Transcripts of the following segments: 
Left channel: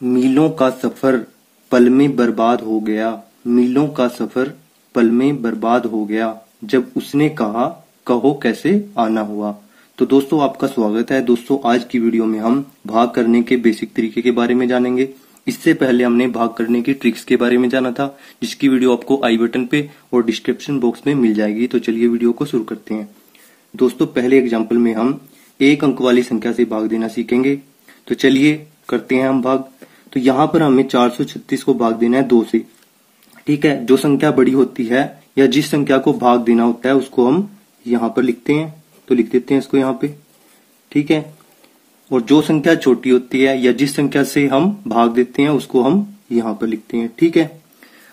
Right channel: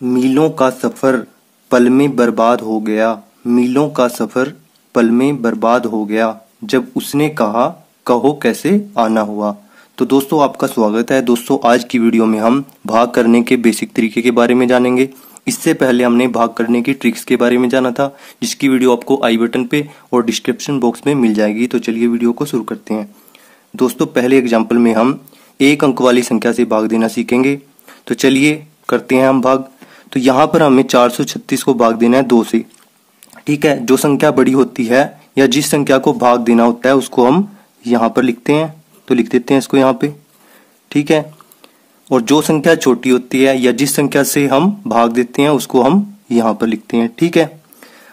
मीलों का सफर पल में बर्बाद हो गया। मीलों का सफर पल में बर्बाद हो गया जब उसने कहा कहो कैसे आना हुआ। तो दोस्तों आपका स्वागत है। दोस्तों आज की वीडियो में हम भाग करने के बेसिक तरीके के बारे में जानेंगे। इससे पहले हमने भाग करने की ट्रिक्स के बारे में जाना था, जिसकी वीडियो आपको आई बटन पे और डिस्क्रिप्शन बॉक्स में मिल जाएगी। तो चलिए वीडियो को शुरू करते हैं। दोस्तों पहले एग्जाम्पल में हम एक अंक वाली संख्या से भाग देना सीखेंगे। तो चलिए करते हैं हम भाग। तो यहाँ पर हमें 436 को भाग देना है 2 से। ठीक है, जो संख्या बड़ी होती है या जिस संख्या को भाग देना होता है उसको हम यहाँ पर लिखते हैं। तो लिख देते हैं इसको यहाँ पे। ठीक है, और जो संख्या छोटी होती है या जिस संख्या से हम भाग देते हैं उसको हम यहाँ पर लिखते हैं। ठीक है,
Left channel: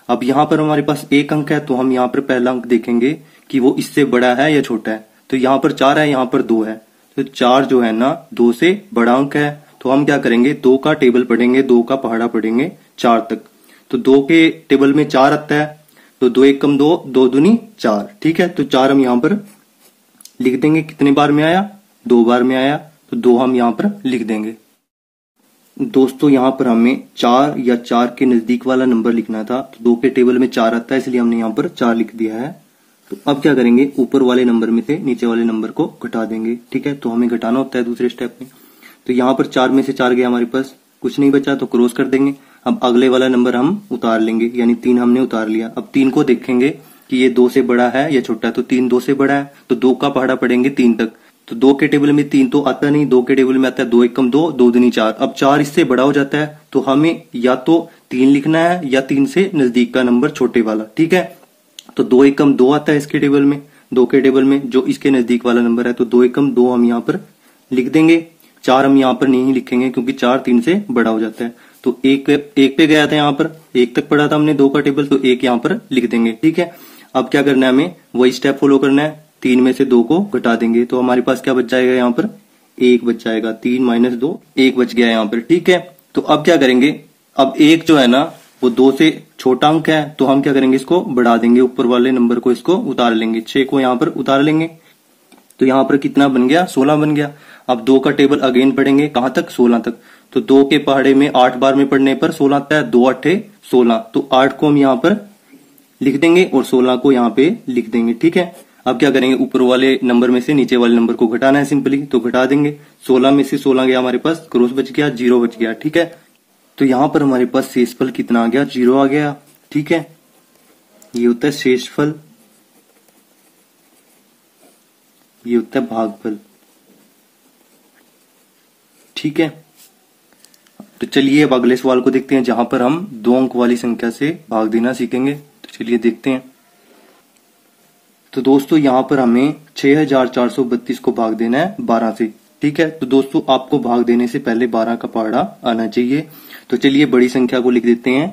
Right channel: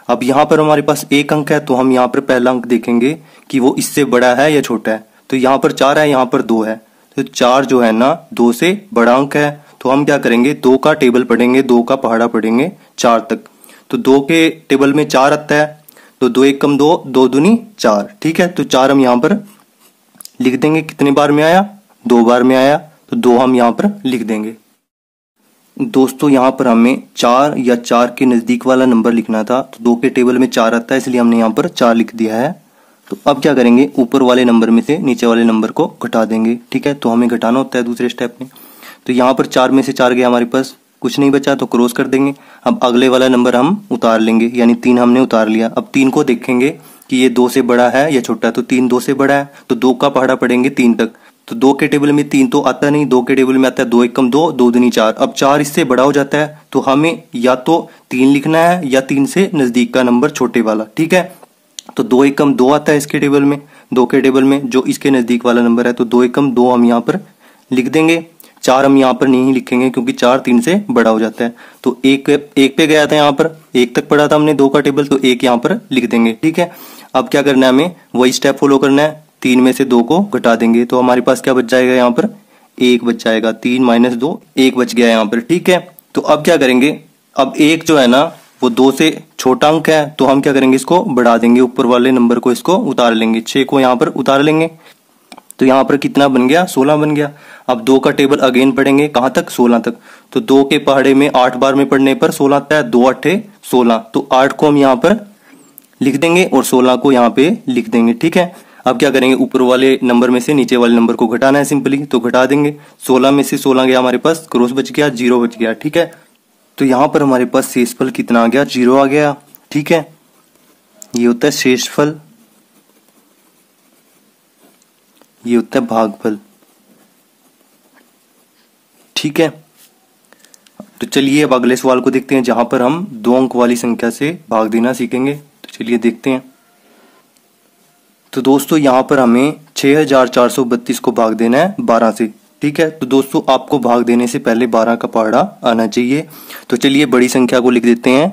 अब यहाँ पर हमारे पास एक अंक है तो हम यहाँ पर पहला अंक देखेंगे कि वो इससे बड़ा है या छोटा है। तो यहाँ पर 4 है, यहाँ पर 2 है। तो 4 जो है ना 2 से बड़ा अंक है। तो हम क्या करेंगे, 2 का टेबल पढ़ेंगे, 2 का पहाड़ा पढ़ेंगे 4 तक। तो 2 के टेबल में 4 आता है। तो 2 एक कम 2, 2 दूनी 4। ठीक है, तो 4 हम यहाँ पर लिख देंगे। कितने बार में आया, 2 बार में आया। तो 2 हम यहाँ पर लिख देंगे। दोस्तों यहाँ पर हमें 4 या 4 के नजदीक वाला नंबर लिखना था। तो 2 के टेबल में 4 आता है, इसलिए हमने यहाँ पर 4 लिख दिया है। तो अब क्या करेंगे, ऊपर वाले नंबर में से नीचे वाले नंबर को घटा देंगे। ठीक है, तो हमें घटाना होता है दूसरे स्टेप में। तो यहाँ पर 4 में से 4 गया, हमारे पास कुछ नहीं बचा तो क्रॉस कर देंगे। अब अगले वाला नंबर हम उतार लेंगे, यानी 3 हमने उतार लिया। अब 3 को देखेंगे कि ये 2 से बड़ा है या छोटा है। तो 3 2 से बड़ा है, तो 2 का पहाड़ा पढ़ेंगे 3 तक। तो 2 के टेबल में 3 तो आता नहीं, 2 के टेबल में आता है 2 एक कम 2, 2 दूनी 4। अब 4 इससे बड़ा हो जाता है, तो हमें या तो 3 लिखना है या 3 से नजदीक का नंबर छोटे वाला। ठीक है, तो 2 एक कम 2 आता है इसके टेबल में, 2 के टेबल में जो इसके नजदीक वाला नंबर है। तो 2 एक कम 2 हम यहाँ पर लिख देंगे। 4 हम यहाँ पर नहीं लिखेंगे क्योंकि 4 3 से बड़ा हो जाता है। तो एक पे गया था, यहाँ पर 1 तक पढ़ा था हमने 2 का टेबल, तो 1 यहाँ पर लिख देंगे। ठीक है, अब क्या करना है, हमें वही स्टेप फॉलो करना है। 3 में से 2 को घटा देंगे, तो हमारे पास क्या बच जाएगा, यहाँ पर 1 बच जाएगा। 3 माइनस 2 1 बच गया यहाँ पर। ठीक है, तो अब क्या करेंगे, अब 1 जो है ना वो 2 से छोटा अंक है, तो हम क्या करेंगे, इसको बढ़ा देंगे। ऊपर वाले नंबर को इसको उतार लेंगे, 6 को यहाँ पर उतार लेंगे। तो यहाँ पर कितना बन गया, 16 बन गया। अब 2 का टेबल अगेन पढ़ेंगे, कहां तक, 16 तक। तो 2 के पहाड़े में 8 बार में पढ़ने पर 16 आता है, 2 8 16। तो 8 को हम यहाँ पर लिख देंगे और 16 को यहाँ पे लिख देंगे। ठीक है, अब क्या करेंगे, ऊपर वाले नंबर में से नीचे वाले नंबर को घटाना है सिंपली, तो घटा देंगे। 16 में से 16 गया, हमारे पास क्रॉस बच गया, 0 बच गया। ठीक है, तो यहाँ पर हमारे पास शेषफल कितना आ गया, 0 आ गया। ठीक है, ये होता है शेषफल, ये होता है भागफल। ठीक है, तो चलिए अब अगले सवाल को देखते हैं, जहां पर हम 2 अंक वाली संख्या से भाग देना सीखेंगे। तो चलिए देखते हैं। तो दोस्तों यहाँ पर हमें 6432 को भाग देना है 12 से। ठीक है, तो दोस्तों आपको भाग देने से पहले 12 का पहाड़ा आना चाहिए। तो चलिए बड़ी संख्या को लिख देते हैं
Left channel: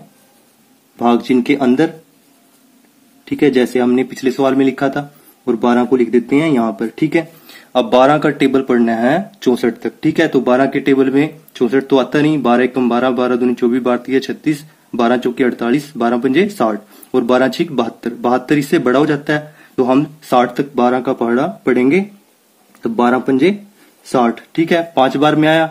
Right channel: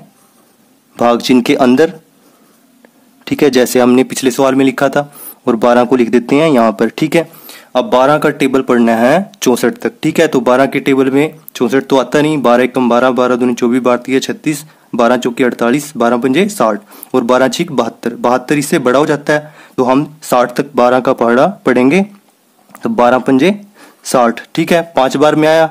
भाग चिन्ह के अंदर। ठीक है, जैसे हमने पिछले सवाल में लिखा था, और 12 को लिख देते हैं यहाँ पर। ठीक है, अब 12 का टेबल पढ़ना है 64 तक। ठीक है, तो 12 के टेबल में 64 तो आता नहीं, 12 एक कम 12, 12 दूनी 24, 12 36, 12 चौके 48, 12 पंजे 60 और 12 छीक 72। 72 इससे बड़ा हो जाता है, तो हम 60 तक 12 का पहाड़ा पढ़ेंगे। तो 12 पंजे 60। ठीक है, 5 बार में आया,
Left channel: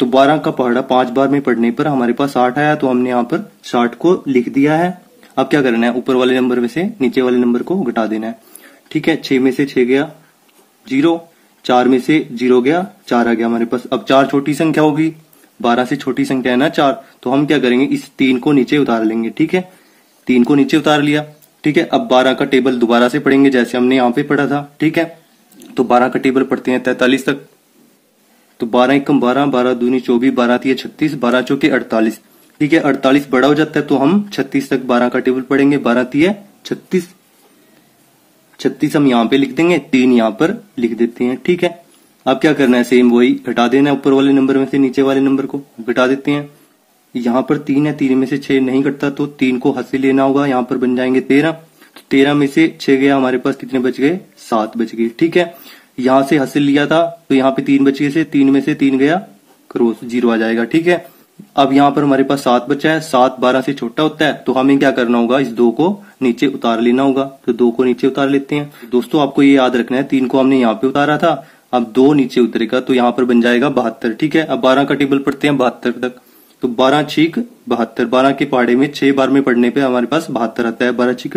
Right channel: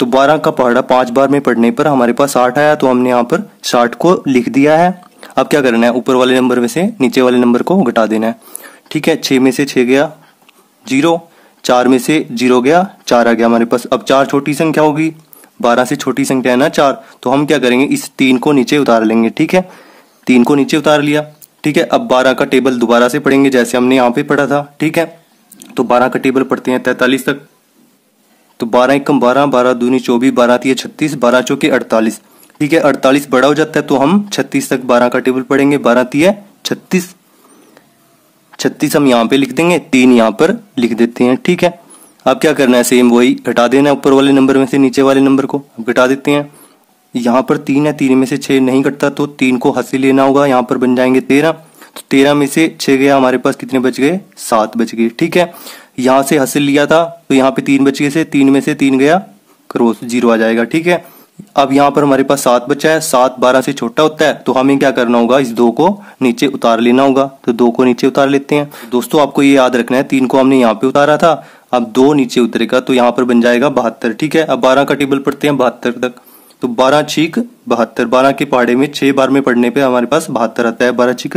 तो 12 का पहाड़ा 5 बार में पढ़ने पर हमारे पास 60 आया। तो हमने यहाँ पर 60 को लिख दिया है। अब क्या करना है, ऊपर वाले नंबर में से नीचे वाले नंबर को घटा देना है। ठीक है, 6 में से 6 गया 0, 4 में से 0 गया 4 आ गया हमारे पास। अब 4 छोटी संख्या होगी, 12 से छोटी संख्या है ना 4, तो हम क्या करेंगे, इस 3 को नीचे उतार लेंगे। ठीक है, 3 को नीचे उतार लिया। ठीक है, अब 12 का टेबल दोबारा से पढ़ेंगे जैसे हमने यहाँ पे पढ़ा था। ठीक है, तो 12 का टेबल पढ़ते हैं 43 तक। तो 12 एक कम 12, 12 दूनी 24, 12 तीय 36, 12 चौके 48। ठीक है, 48 बड़ा हो जाता है, तो हम 36 तक 12 का टेबल पढ़ेंगे, 12 तीय 36। 36 हम यहाँ पे लिख देंगे, 3 यहाँ पर लिख देते हैं। ठीक है, अब क्या करना है, सेम वही घटा देना है। ऊपर वाले नंबर में से नीचे वाले नंबर को घटा देते हैं। यहाँ पर 3 है, 3 में से 6 नहीं कटता, तो 3 को हाथ से लेना होगा, यहाँ पर बन जाएंगे 13। तो 13 में से 6 गया, हमारे पास कितने बच गए, 7 बच गए। ठीक है, यहाँ से हासिल लिया था, तो यहाँ पे 3 बच गए से 3 में से 3 गया, क्रॉस 0 आ जाएगा। ठीक है, अब यहाँ पर हमारे पास 7 बचा है। 7 12 से छोटा होता है, तो हमें क्या करना होगा, इस 2 को नीचे उतार लेना होगा। तो 2 को नीचे उतार लेते हैं। दोस्तों आपको ये याद रखना है, 3 को हमने यहाँ पे उतारा था अब 2 नीचे उतरेगा तो यहाँ पर बन जाएगा 72। ठीक है, अब 12 का टेबल पढ़ते हैं 72 तक। तो 12 छीक 72, 12 के पहाड़े में 6 बार में पढ़ने पे हमारे पास 72 आता है। 12 छीक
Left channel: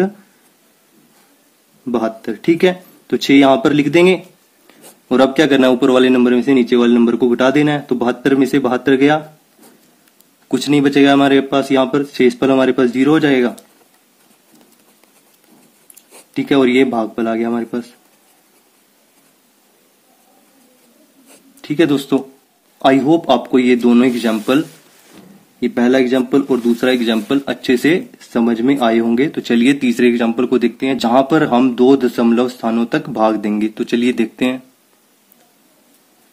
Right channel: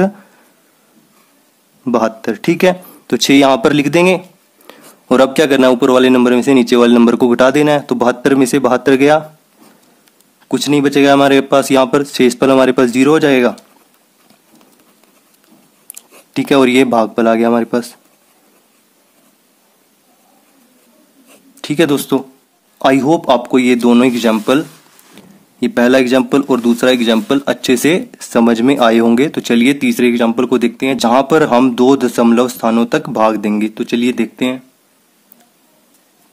72। ठीक है, तो 6 यहाँ पर लिख देंगे। और अब क्या करना है, ऊपर वाले नंबर में से नीचे वाले नंबर को घटा देना है। तो 72 में से 72 गया, कुछ नहीं बचेगा हमारे पास। यहाँ पर शेषफल हमारे पास 0 हो जाएगा। ठीक है, और ये भागफल आ गया हमारे पास। ठीक है दोस्तों, आई होप आपको ये दोनों एग्जाम्पल, ये पहला एग्जाम्पल और दूसरा एग्जाम्पल अच्छे से समझ में आए होंगे। तो चलिए तीसरे एग्जाम्पल को देखते हैं, जहां पर हम 2 दशमलव स्थानों तक भाग देंगे। तो चलिए देखते हैं।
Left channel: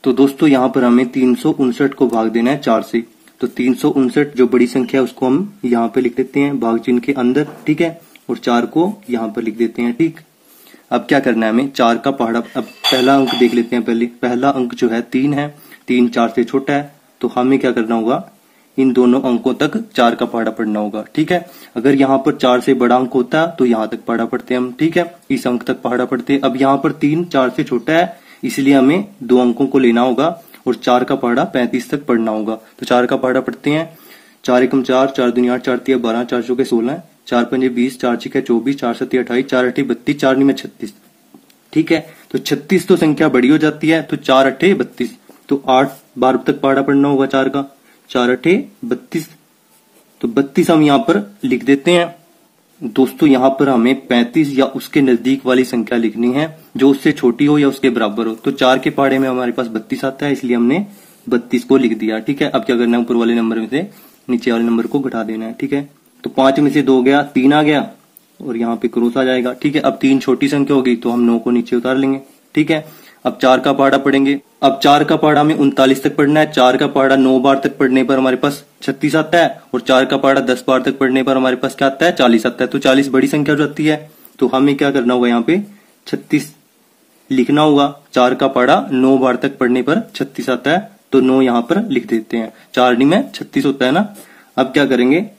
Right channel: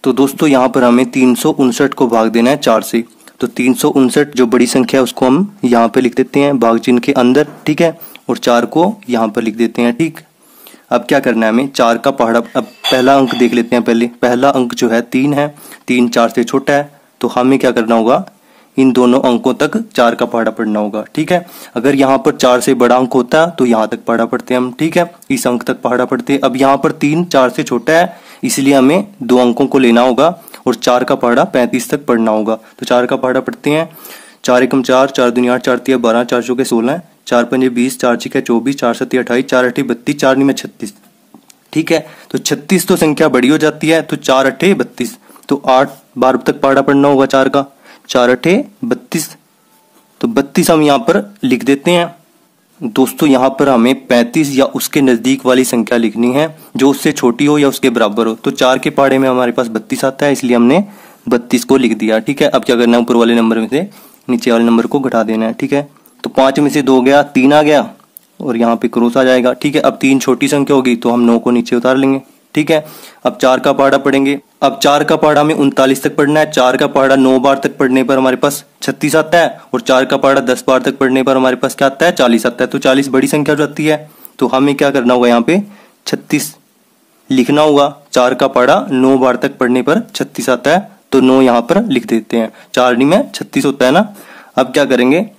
तो दोस्तों यहाँ पर हमें 359 को भाग देना है 4 से। तो 359 जो बड़ी संख्या है उसको हम यहाँ पे लिख देते हैं भाग चिन्ह के अंदर। ठीक है, और 4 को यहाँ पर लिख देते हैं। ठीक, अब क्या करना है हमें, 4 का पहाड़ा, अब पहला अंक देख लेते हैं पहले। पहला अंक जो है 3 है, 3 4 से छोटा है, तो हमें क्या करना होगा, इन दोनों अंकों तक 4 का पहाड़ा पढ़ना होगा। ठीक है, अगर यहाँ पर 4 से बड़ा अंक होता है तो यहाँ तक पहाड़ा पढ़ते हैं हम। ठीक है, इस अंक तक पहाड़ा पढ़ते हैं। अब यहाँ पर 3 4 से छोटा है, इसलिए हमें 2 अंकों को लेना होगा और 4 का पहाड़ा 35 तक पढ़ना होगा। तो 4 का पहाड़ा पढ़ते हैं। 4 एकम 4, 4 दूनी 8, 4 तिया 12, 4 चौके 16, 4 पंजे 20, 4 छिके 24, 4 सत्ती 28, 4 अठी 32, 4 नी में 36। ठीक है, तो 36 तो संख्या बड़ी हो जाती है, तो 4 अठे 32, तो 8 बार तक पहाड़ा पढ़ना होगा 4 का। 4 अठे 32, तो 32 हम यहाँ पर लिख देते हैं। दोस्तों यहाँ पर हमें 35 या उसके नजदीक वाली संख्या लिखनी है, जो उससे छोटी हो या उसके बराबर हो। तो 4 के पहाड़े में हमारे पास 32 आता है, इसलिए हमने 32 को लिख दिया। ठीक है, अब क्या करना है, ऊपर वाले नंबर में से नीचे वाले नंबर को घटा देना है। ठीक है, तो 5 में से 2 गया, 3 आ गया और यहाँ पे क्रॉस आ जाएगा। ठीक है, अब 3 छोटी संख्या होगी तो हम 9 को नीचे उतार लेंगे। ठीक है, अब 4 का पहाड़ा पढ़ेंगे। अब 4 का पहाड़ा में 39 तक पढ़ना है। 4 का पहाड़ा 9 बार तक पढ़ने पर हमारे पास 36 आता है, और 4 का पहाड़ा 10 बार तक पढ़ने पर हमारे पास क्या आता है, 40 आता है। तो 40 बड़ी संख्या हो जाती है, तो हमें क्या करना होगा, यहाँ पे 36 लिखना होगा। 4 का पहाड़ा 9 बार तक पढ़ने पर 36 आता है, तो 9 यहाँ पर लिख देते हैं। 4 नी में 36 होता है ना। अब क्या करेंगे,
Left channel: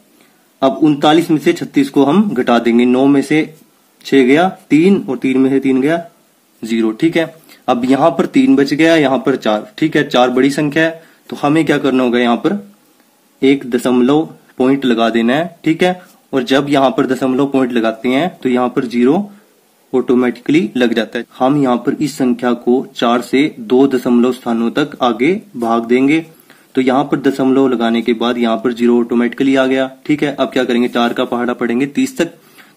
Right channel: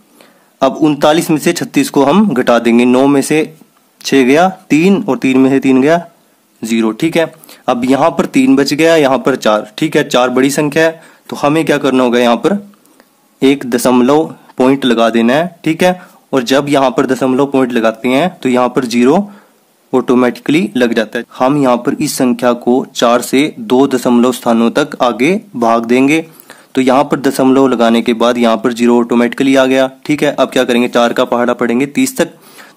अब 39 में से 36 को हम घटा देंगे। 9 में से 6 गया 3, और 3 में से 3 गया 0। ठीक है, अब यहाँ पर 3 बच गया, यहाँ पर 4। ठीक है, 4 बड़ी संख्या है, तो हमें क्या करना होगा, यहाँ पर 1 दशमलव पॉइंट लगा देना है। ठीक है, और जब यहाँ पर दशमलव पॉइंट लगाते हैं तो यहाँ पर 0 ऑटोमेटिकली लग जाता है। हम यहाँ पर इस संख्या को 4 से 2 दशमलव स्थानों तक आगे भाग देंगे। तो यहाँ पर दशमलव लगाने के बाद यहाँ पर 0 ऑटोमेटिकली आ गया। ठीक है, अब क्या करेंगे, 4 का पहाड़ा पढ़ेंगे 30 तक।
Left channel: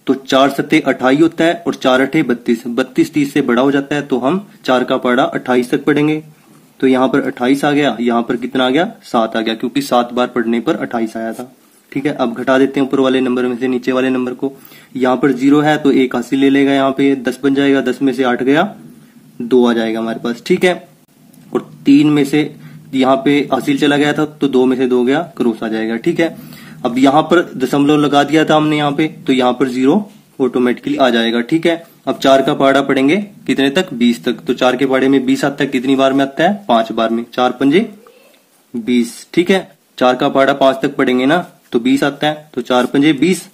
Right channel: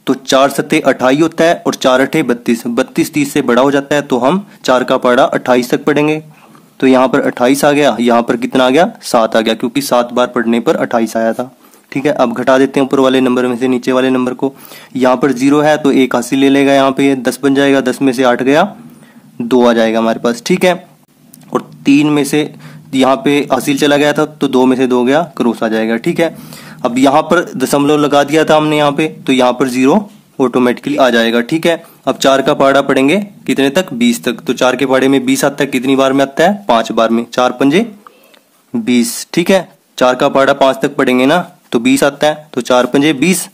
तो 4 सत्ते 28 होता है, और 4 अठे 32, 32 30 से बड़ा हो जाता है, तो हम 4 का पहाड़ा 28 तक पढ़ेंगे। तो यहाँ पर 28 आ गया, यहाँ पर कितना आ गया, 7 आ गया, क्योंकि 7 बार पढ़ने पर 28 आया था। ठीक है, अब घटा देते हैं ऊपर वाले नंबर में से नीचे वाले नंबर को। यहाँ पर 0 है तो 1 हासिल ले लेगा, यहाँ पे 10 बन जाएगा, 10 में से 8 गया, 2 आ जाएगा हमारे पास। ठीक है, और 3 में से यहाँ पे हासिल चला गया था, तो 2 में से 2 गया, क्रॉस आ जाएगा। ठीक है, अब यहाँ पर दशमलव लगा दिया था हमने यहाँ पे, तो यहाँ पर 0 ऑटोमेटिकली आ जाएगा। ठीक है, अब 4 का पहाड़ा पढ़ेंगे कितने तक, 20 तक। तो 4 के पहाड़े में 20 आता है, कितनी बार में आता है, 5 बार में। 4 पंजे 20। ठीक है, 4 का पहाड़ा 5 तक पढ़ेंगे ना, तो 20 आता है, तो 4 पंजे 20,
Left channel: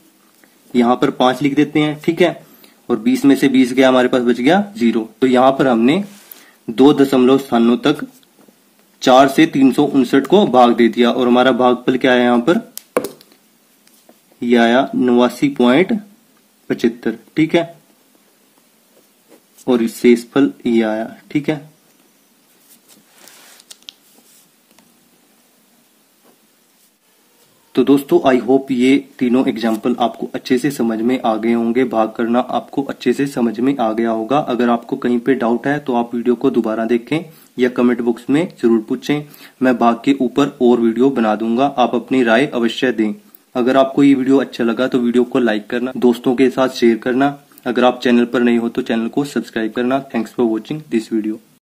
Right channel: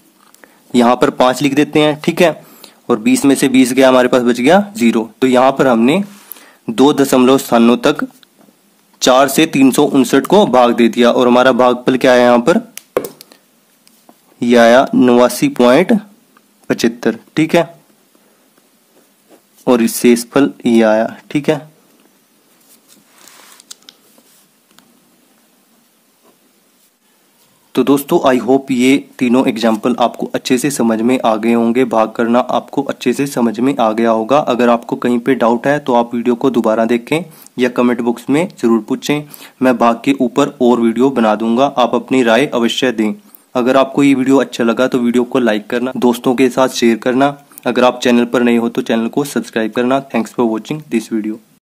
यहाँ पर 5 लिख देते हैं। ठीक है, और 20 में से 20 गया, हमारे पास बच गया 0। तो यहाँ पर हमने 2 दशमलव स्थानों तक 4 से 359 को भाग दे दिया, और हमारा भागफल क्या है, यहाँ पर यह आया 89.75। ठीक है, और शेषफल ये आया। ठीक है, तो दोस्तों आई होप ये तीनों एग्जाम्पल आपको अच्छे से समझ में आ गए होंगे। भाग करना आपको अच्छे से समझ में आ गया होगा। अगर आपको कहीं पे डाउट है तो आप वीडियो को दोबारा देखें या कमेंट बॉक्स में जरूर पूछें। मैं भाग के ऊपर और वीडियो बना दूंगा, आप अपनी राय अवश्य दें। अगर आपको ये वीडियो अच्छा लगा तो वीडियो को लाइक करना, दोस्तों के साथ शेयर करना। अगर आप चैनल पर नए हो तो चैनल को सब्सक्राइब करना। Thanks for watching this video.